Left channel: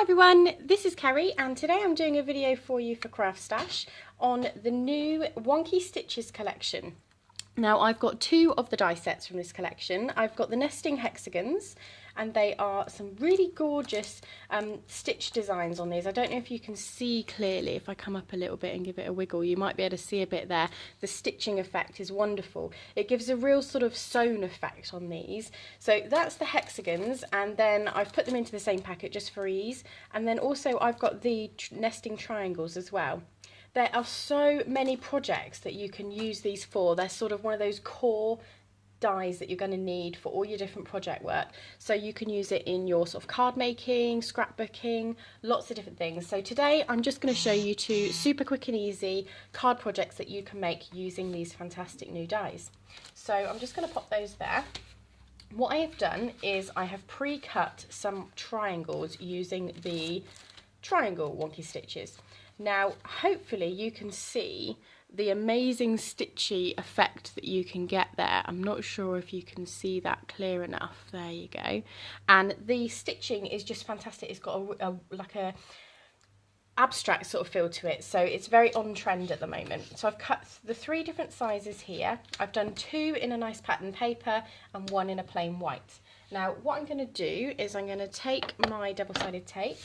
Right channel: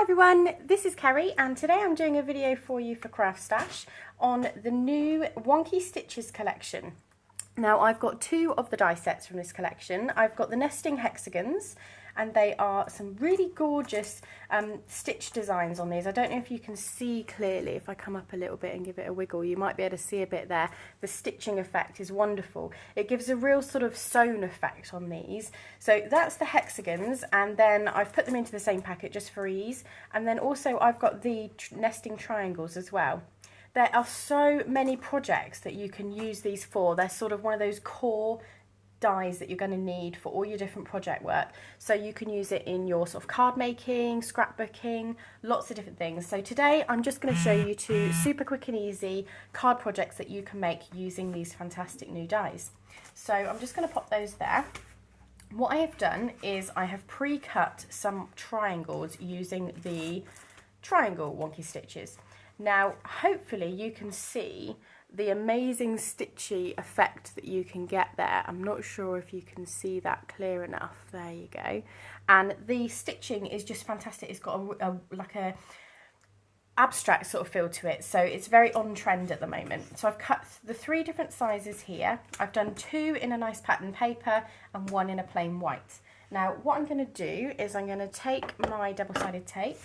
Hi everyone, this is Kerri and today I'm doing a video for you for CraftStash on the new Wonky Stitches collection. Now I've got two of the die sets from this collection. I've got the nesting hexagons and they are some really gorgeous stitch designs on these. I don't know if you can see clearly. If I come up a little bit and give it a wiggle, you might be able to see a bit there. The stitching effect is wonderful. It gives a real sort of sewn effect on these. So that's the hexagons, and then I've put them into the same packet just for ease. And then also I've got the nesting triangles as well. There are so many projects that you can use these for. They're sort of one of those core dies that you're going to need for all your different project work. So you can use it in your sort of card making, scrapbooking, lots of different things. So today I'm just going to show you two super quick and easy card projects that you can make using these fantastic new dies. So I'm just going to pop those there. What I have done is I have pre-cut some triangles using the triangle Wonky Stitches. Now hopefully you can see the amazing stitchy effect that you can get there. I'm not sure if you can see that clear enough. There you go. And the stitching is just fantastic. It's got like a abstract sort of feel to it, so it's very on trend at the moment. So I've cut the three different sizes here. I've done two in a nice pattern paper and one in a plain white. Now what I'm going to do is I'm going to take my double-sided tape.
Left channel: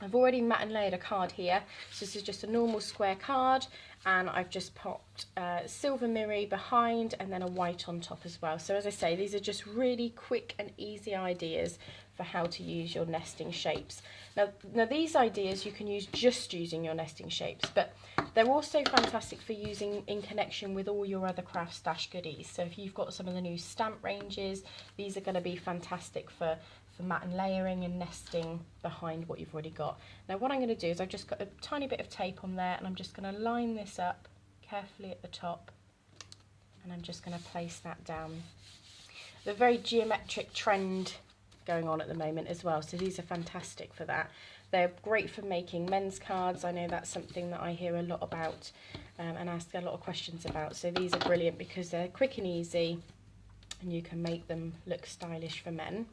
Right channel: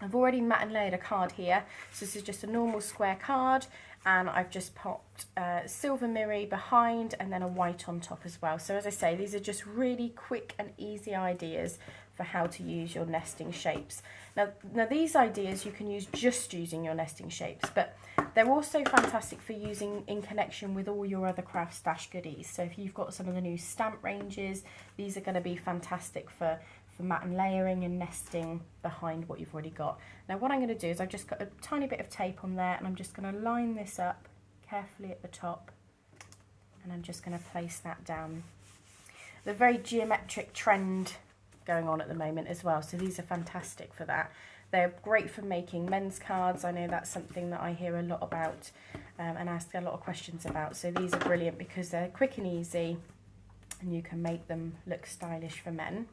I've already mat and layered a card here, so this is just a normal square card, and I've just popped silver mirror behind and then a white on top as well. So as I say, these are just really quick and easy ideas for how to use your nesting shapes. Now these ideas you can use just using your nesting shapes, but they're also fantastic for using in connection with all your other CraftStash goodies. So if you've got some of the new stamp ranges, these are going to be fantastic for mat and layering and nesting behind what you've already got. Now what I'm going to do is I've just got a tiny bit of tape on there, and I'm just going to line this up carefully at the top, and I'm just going to place that down. The very geometric trend going on at the moment as well, so these are fantastic for that. They're great for making men's cards. I know that's something that I hear a lot about and ask a lot of questions about. So these are brilliant because they're quick and easy and you can make them look stylish for men.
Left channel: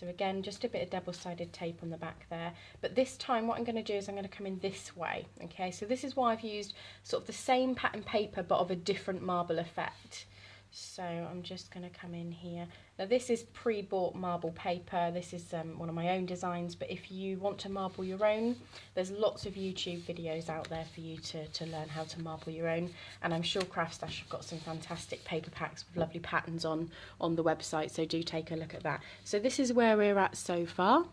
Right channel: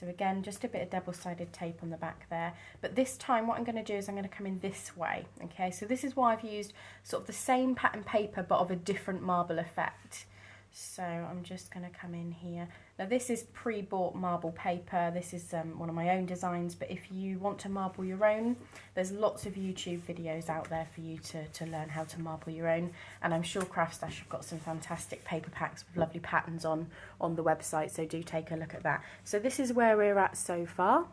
So again, just a bit of double-sided tape on the back there. But this time what I'm going to do is I'm going to come in this way. Okay, so this is why I've used sort of the same pattern paper but of a different marble effect. So I'm just going to come in here. Now this is pre-bought marble paper. This is one of my own designs, but if you want to marble your own, there's lots of YouTube videos out there for you to learn how to marble your own. And I'm sure CraftStash have got some fantastic paper packs with lovely patterns on the website, so do take a look at that. So this is where we're at so far.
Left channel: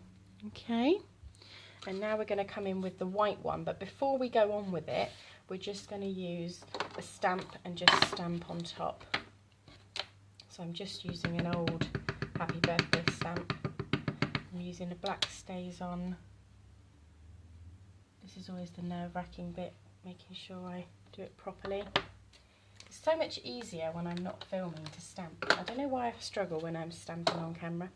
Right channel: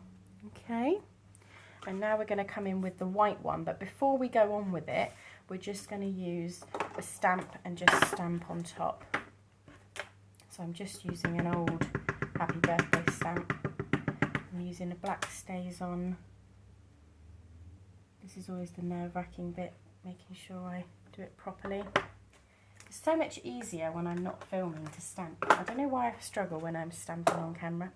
Okay, and now we're going to come in with the white one, but before we go on with it, we're just going to use a stamp and just stamp on top. So I'm just using an old happy birthday stamp. I'm using a black stays on. This is always the nerve-wracking bit, making sure I do it properly. It's so much easier when I'm not filming to stamp. I don't know why I struggle when I'm stamping on camera.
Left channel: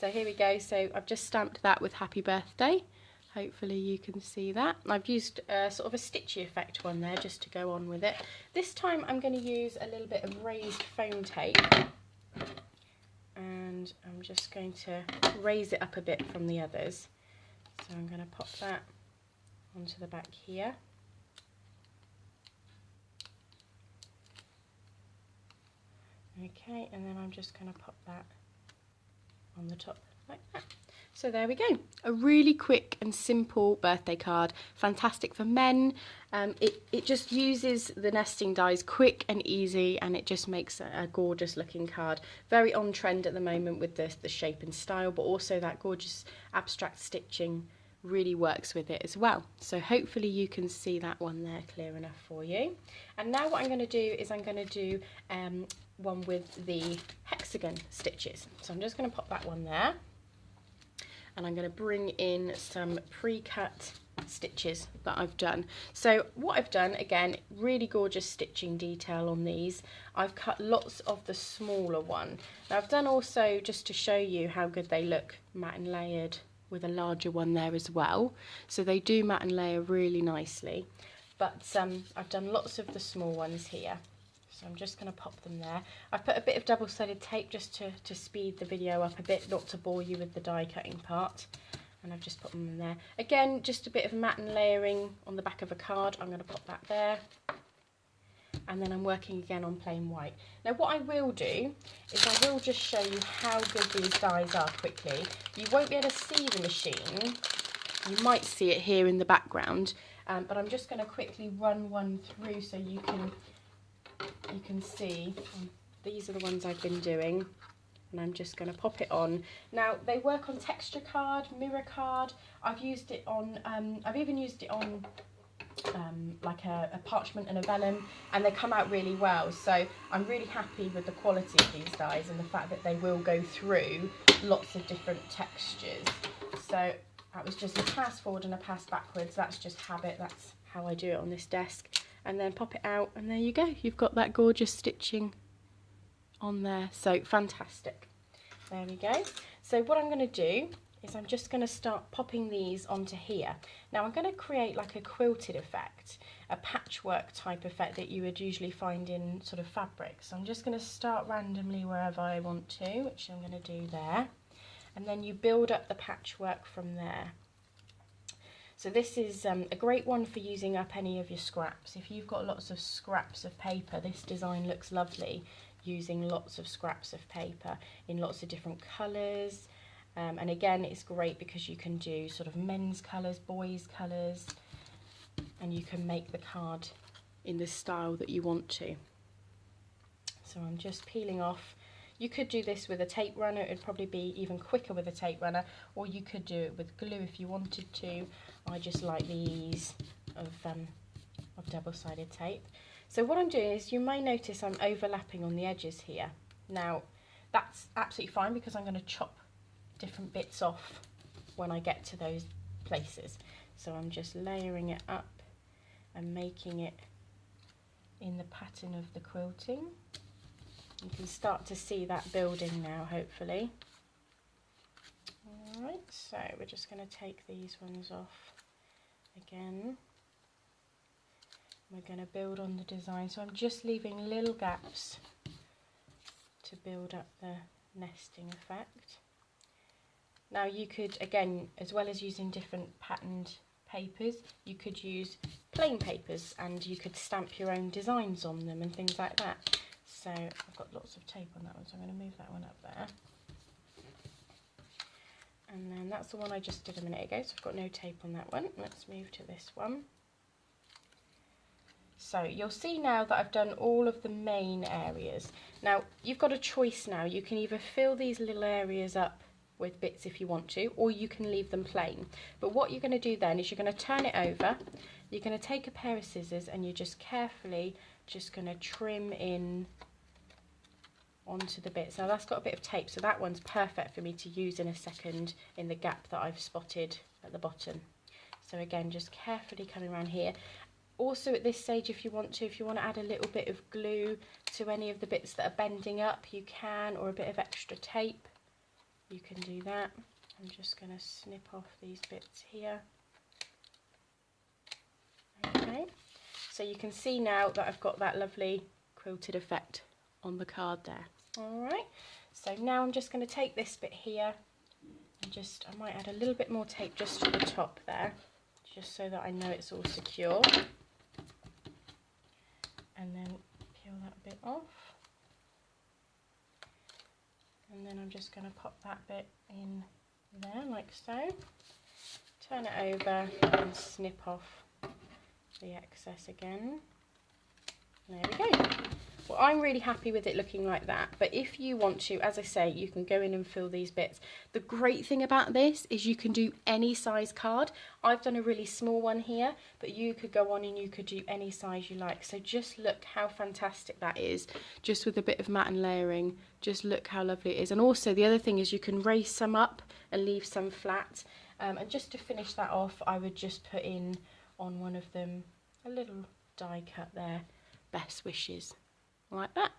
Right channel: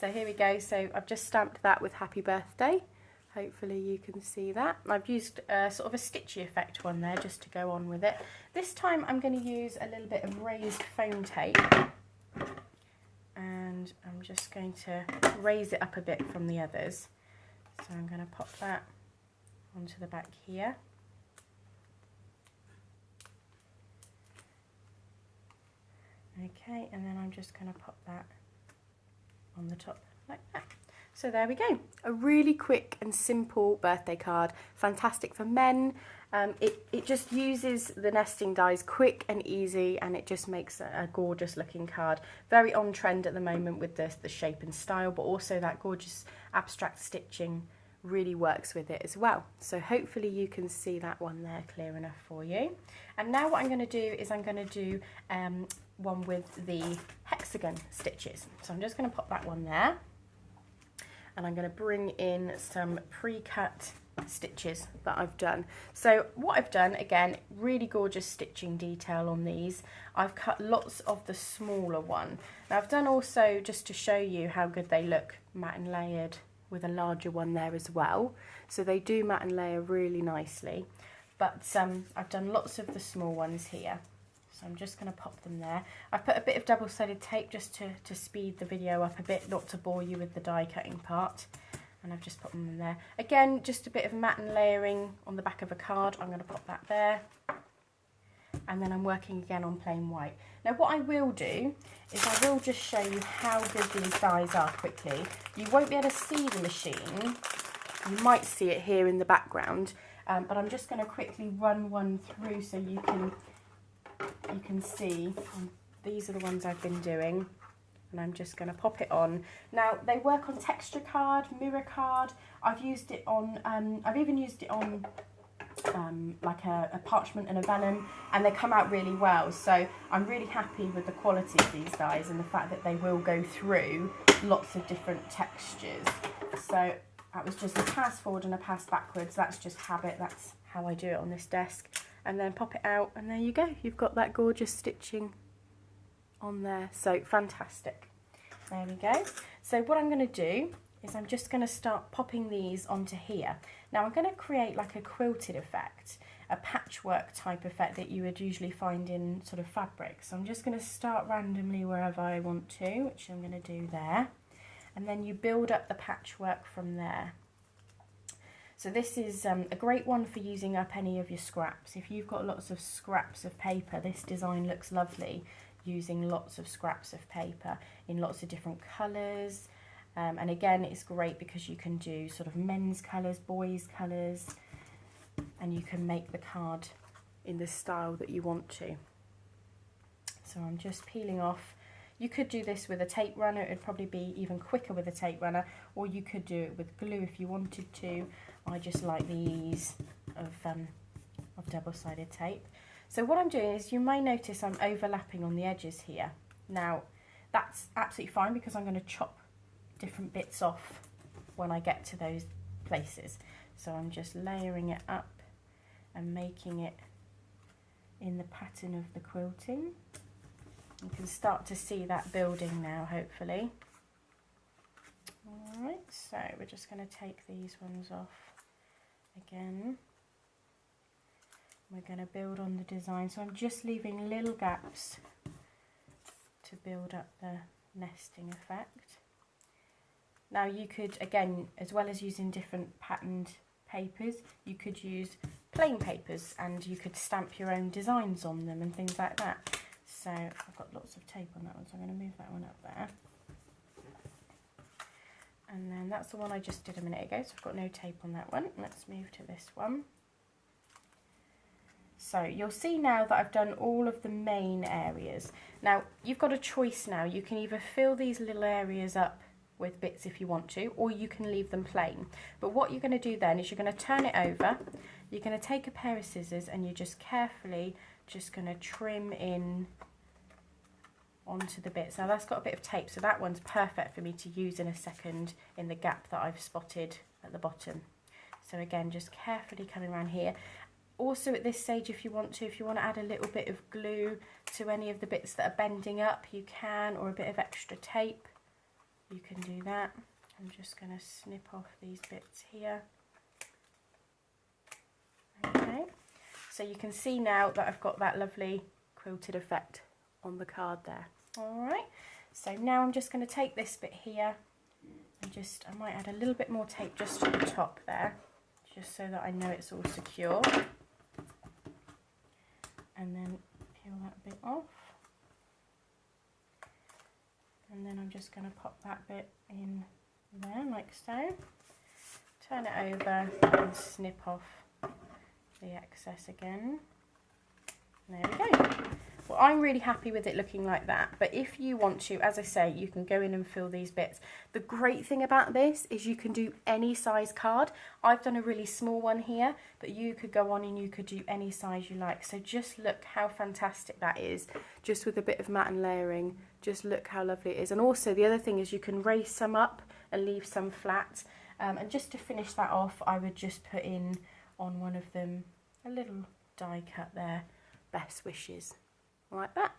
So here we go. So I've just stamped that with happy birthday. Hopefully you can see that. I've used sort of a stitchy effect one there just to go on with it. This time I'm going to use a little bit of raised foam tape, and I'm just going to raise it up a bit from the others. So I'm going to pop that onto the back here. Okay, and then I'm just going to pop that on the top like that. So there we go, a really quick and simple birthday card, fantastic for men. It just uses the nesting dies quick and easy, and it just makes a gorgeous looking card. Very on trend at the moment with the shape and style, but also that gorgeous abstract stitching really works with it as well. So hopefully you can see that one there clear enough for you. And now what I'm going to do is I'm going to do one with the hexagon stitches. So I'm just going to pop that one there. And I'm going to bring in some pre-cut stitches that I've done. So what I've done, again, really gorgeous stitching detail on these. I've cut lots of the smaller one. Now I've done also, just to show you how good they look, mat and layered with a larger one there as well. So they do mat and layer really nicely. But I've done lots of the small ones here. So I'm just going to pop them there. I've put a bit of double-sided tape just to speed the video up a bit, not to bore you with the die cutting part. and I've just put them in there. Again, just a bit of matte and layering on the back of a card. I'm going to pop that there. And then I'm working again on plain white. Now what I will do is I will just show you how good these dies are quickly. You won't be able to see the machine. You might see it here in the background, but I'm just going to quickly run one through so you can see. These are the ones I've been doing, and I'm just going to pop it on. Now they work on texture card, mirror card. I've used it on. I've even used it on like a parchment and a vellum, and they come out really well. So I'm really happy with the quality of these dies and the fact that they will go through lots of different textures. So that was just a pass forward and a pass backwards. That's just habit. That's how I do it on this desk. And then pop it out, and there you go. You've got that gorgeous stitching on there. So fantastic. There we go. So what I'm going to do is I'm just going to start popping these onto here. Now I'm going to create like a quilted effect, a patchwork type effect that you would usually find in sort of fabric. So I'm just going to start randomly wherever I want to, which I'm going to do there. And then you build up the patchwork from there. So this is a great one for using up any of your scraps. If you've got lots of scraps of paper, this design looks lovely using lots of scraps of paper in lots of different colours. And again, it's great because you can do sort of men's colours, boys' colours, and you can make the card in the style that you want to. So I'm just peeling off. You could do this with a tape runner. It would probably be even quicker with a tape runner, or you could do it with glue if you wanted to. I just like the ease of double-sided tape. So what I'm doing is, you may notice I'm overlapping on the edges here. Now that's absolutely fine because I'm going to chop different bits off when I get to those places. So I'm just layering it up and making it in the pattern of the quilting. You can start to see that building now, hopefully. Alright, so we're just going to take these ones off again. We're going to build on the design. So I'm just leaving little gaps to build up the nesting effect. Now you could, again, as well as using different patterned papers, you could use plain papers and you could stamp your own designs on them and things like that. So I've got lots of tape on that one, so I'm going to move that one up there. And then that's the one I just did a minute ago, so I've got no tape on that one. Let's move to this one. So you'll see now that I've done all of the main areas. Now you've got a choice now. You can either fill these little areas up with bits if you want to, or you can leave them plain. But what you're going to do then is you're going to turn it over. You're going to take a pair of scissors and you're just carefully just going to trim in onto the bits. Now that's got a bit of tape, so that one's perfect for me to use in a second in the gap that I've spotted at the bottom. So again, just carefully coming around here. Also at this stage, if you want to add a little bit of glue to any of the bits that are bending up, you can, or a bit of extra tape, you can do that. I'm just going to snip off these bits here. Okay, so you can see now that I've got that lovely quilted effect on the card there. Alright, so now I'm just going to take this bit here and I might add a little bit more tape just to the top there, just so that I know it's all secure. And then peel that bit off. And then I'm just going to pop that bit in there like so. Turn it over and snip off the excess again. There we go. Well, I'm really happy with it looking like that, but if you want to, as I say, you can go in and fill these bits. The great thing about this is you can do any size card. I've done a really small one here, but you could go on and you could do any size you like. So just look how fantastic that is, just with a bit of matte and layering. Just look how lovely it is. And also the other thing is you can raise some up and leave some flat. And just to finish that off, I would just put in on one of them a little die cut there, best wishes, like that.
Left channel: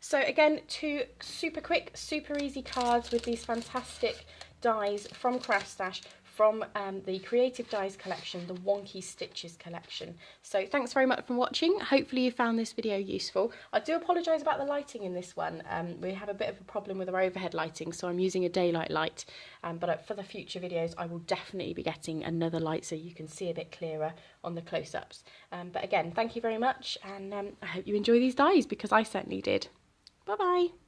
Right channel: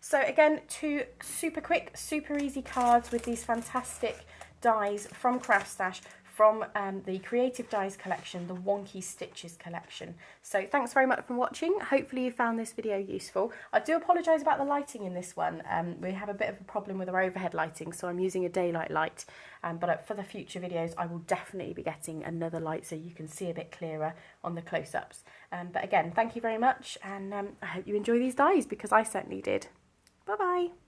So again, 2 super quick, super easy cards with these fantastic dies from CraftStash from the Creative Dies collection, the Wonky Stitches collection. So thanks very much for watching. Hopefully you found this video useful. I do apologise about the lighting in this one. We have a bit of a problem with our overhead lighting, so I'm using a daylight light. But for the future videos, I will definitely be getting another light so you can see a bit clearer on the close-ups. But again, thank you very much, and I hope you enjoy these dies, because I certainly did. Bye-bye.